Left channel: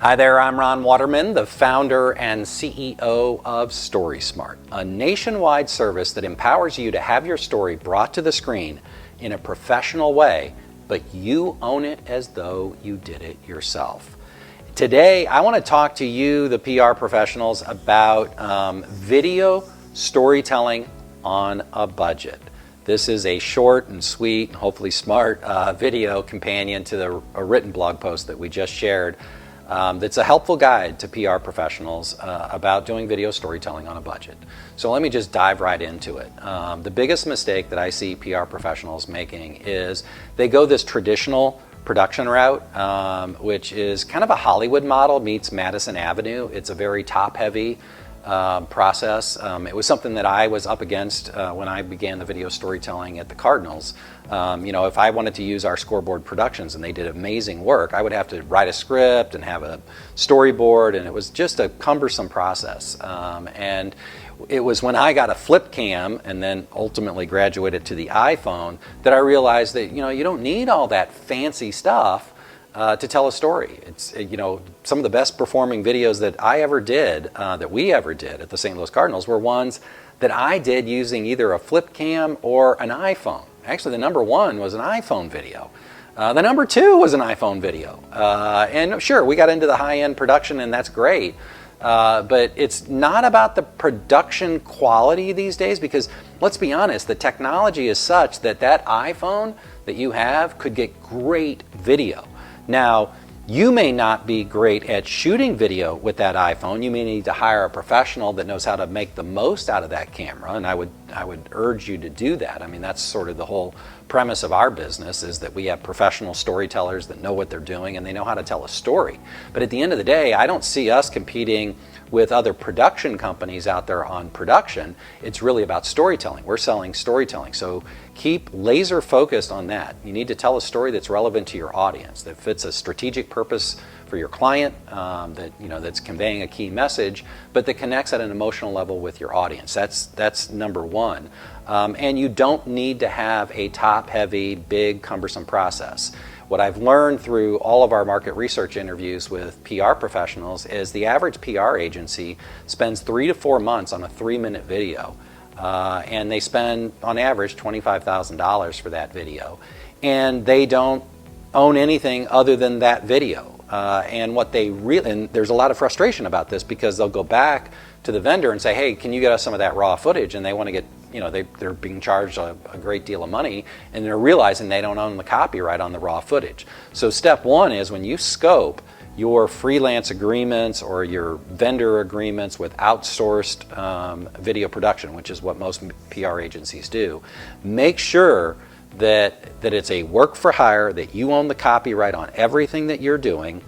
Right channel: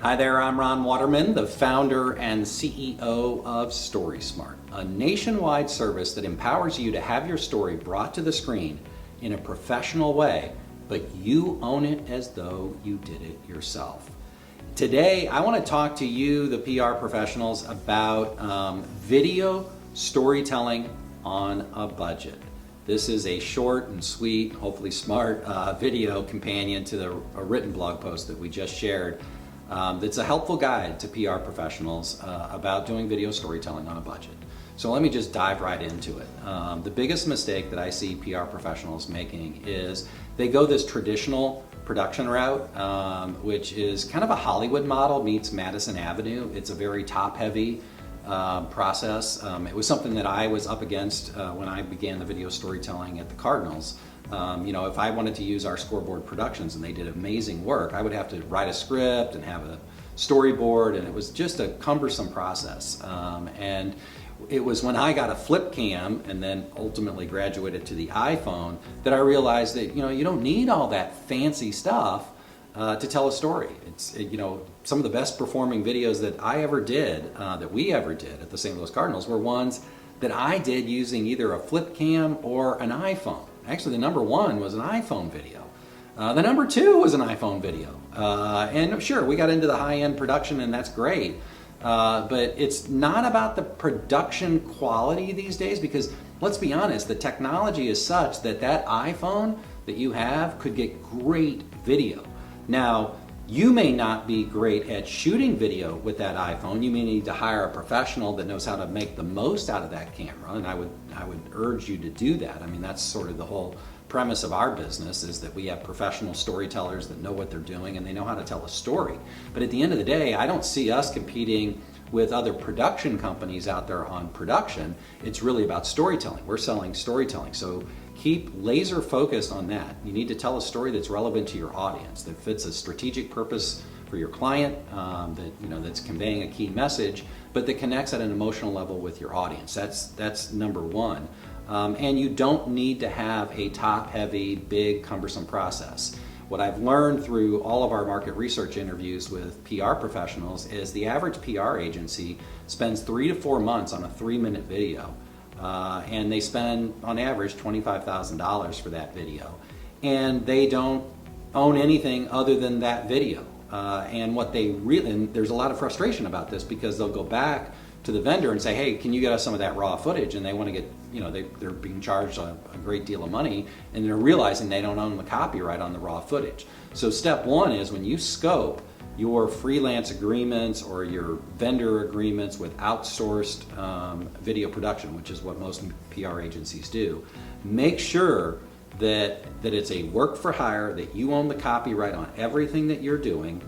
Hi there, I'm Ron Waterman, the founder and CEO of StorySMART, a nationwide service that empowers you to have your story brought to the screen in a professional way, but you own it as though you did it yourself. Today, I want to talk to you, the PR professionals, about video storytelling on a budget. This is a short and sweet, hopefully smart video companion to a written blog post that we just shared. That's a helpful guide to PR professionals about doing video storytelling on a budget. So let me just dive right into it. The biggest mistake that I see PR professionals making is they go this traditional production route, which is kind of a Hollywood model meets Madison Avenue. It's a very top-heavy process. It was something that I was up against when I began the video storytelling at the Cardinals. If I wanted to use our Scoreboard Productions and they did amazing work, I would have to write a script and have a storyboard, and it was just a cumbersome process. And it was when I got a flip cam and then ultimately graduated to the iPhone that I realized that you don't need all that fancy stuff to tell a story. It's some of the best performing videos that I ever did, that we ever did at the St. Louis Cardinals, were ones that I did using either a flip cam or an iPhone. Actually, the number one was an iPhone video. The number two was an iPhone video. And sure, we got into the high-end production, and that's great. But it's not about the production quality these days, because let's be honest, the technology is such that that iPhone that you have could get great video. Now, you may not be great at shooting video with that iPhone. You may need to hire a professional that knows how to make the most out of that camera, and I would urge you to do that. I mean, that's sort of the whole premise of our business, is that we have professional storytellers that know what they're doing and they know how to tell a story. But at the end of the day, I don't see us competing with other production companies out there on production. It's really about storytelling. We're selling storytelling. So keep laser focused on that. You need to tell a story that's relevant to your audience, that fits a strategic purpose for your client, that's conveying a key message, but that connects at an emotional level with your audience. That's number one. And you don't need to have a top-heavy, big, cumbersome process. What I've learned through all of our market research interviews with PR professionals is the average PR agency spends 3 to 4 months on a 3-minute video. And they spend, on average, $25,000 for that video. And they don't own anything other than that video. And there's a lot of frustration about this, because they'll go back to the vendor and say, hey, can you get us some of that raw footage? And they want to get, they're being charged a great deal of money, and they're realizing they don't own the copyright on the raw footage. So step one is, when you scope your freelance agreements or your vendor agreements with outsourced video production, which is what most PR agencies do, make sure that it's a work for hire, that you own the copyright on everything that you're doing,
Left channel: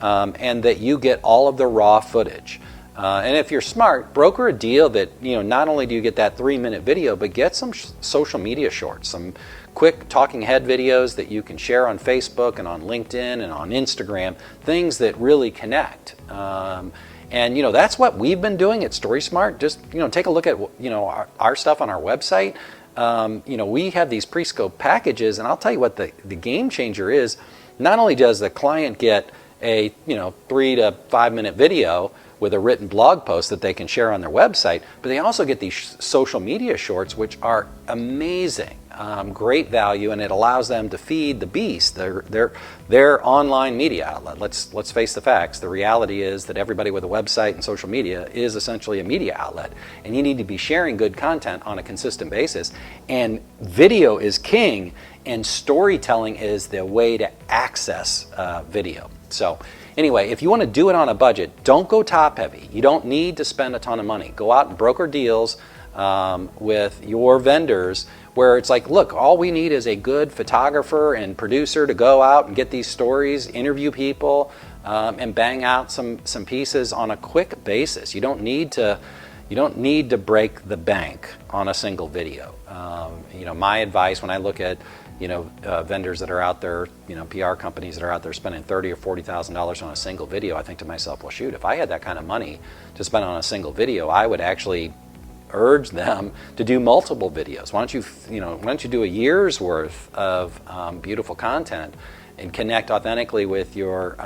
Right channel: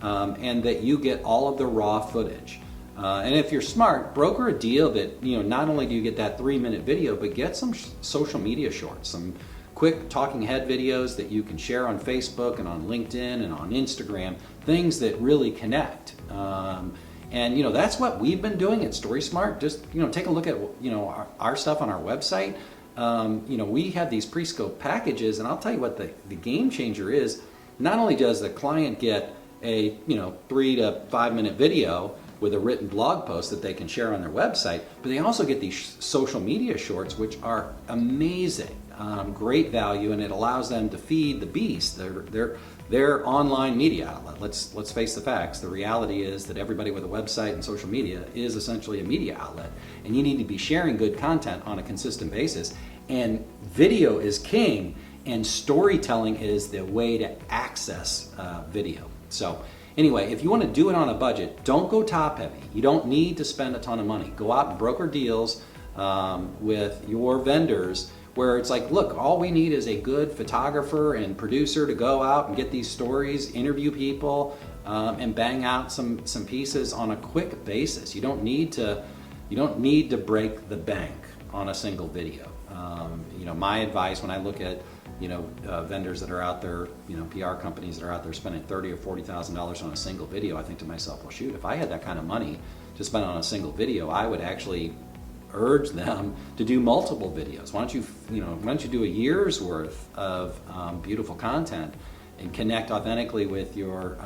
and that you get all of the raw footage. And if you're smart, broker a deal that not only do you get that 3-minute video, but get some social media shorts, some quick talking head videos that you can share on Facebook and on LinkedIn and on Instagram, things that really connect. And that's what we've been doing at StorySMART. Just take a look at our stuff on our website. We have these pre-scoped packages, and I'll tell you what the game changer is. Not only does the client get a 3 to 5 minute video with a written blog post that they can share on their website, but they also get these social media shorts, which are amazing, great value, and it allows them to feed the beast, their online media outlet. Let's face the facts. The reality is that everybody with a website and social media is essentially a media outlet, and you need to be sharing good content on a consistent basis. And video is king, and storytelling is the way to access video. So anyway, if you want to do it on a budget, don't go top heavy. You don't need to spend a ton of money. Go out and broker deals with your vendors, where it's like, look, all we need is a good photographer and producer to go out and get these stories, interview people, and bang out some pieces on a quick basis. You don't need to break the bank on a single video. My advice when I look at vendors that are out there, PR companies that are out there spending $30,000 or $40,000 on a single video, I think to myself, well, shoot, if I had that kind of money to spend on a single video, I would actually urge them to do multiple videos. Why don't you do a year's worth of beautiful content and connect authentically with your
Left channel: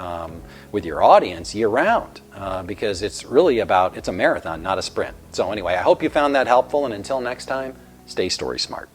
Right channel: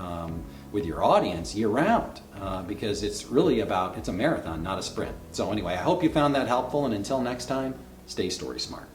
audience year round, because it's really it's a marathon, not a sprint. So anyway, I hope you found that helpful, and until next time, stay story smart.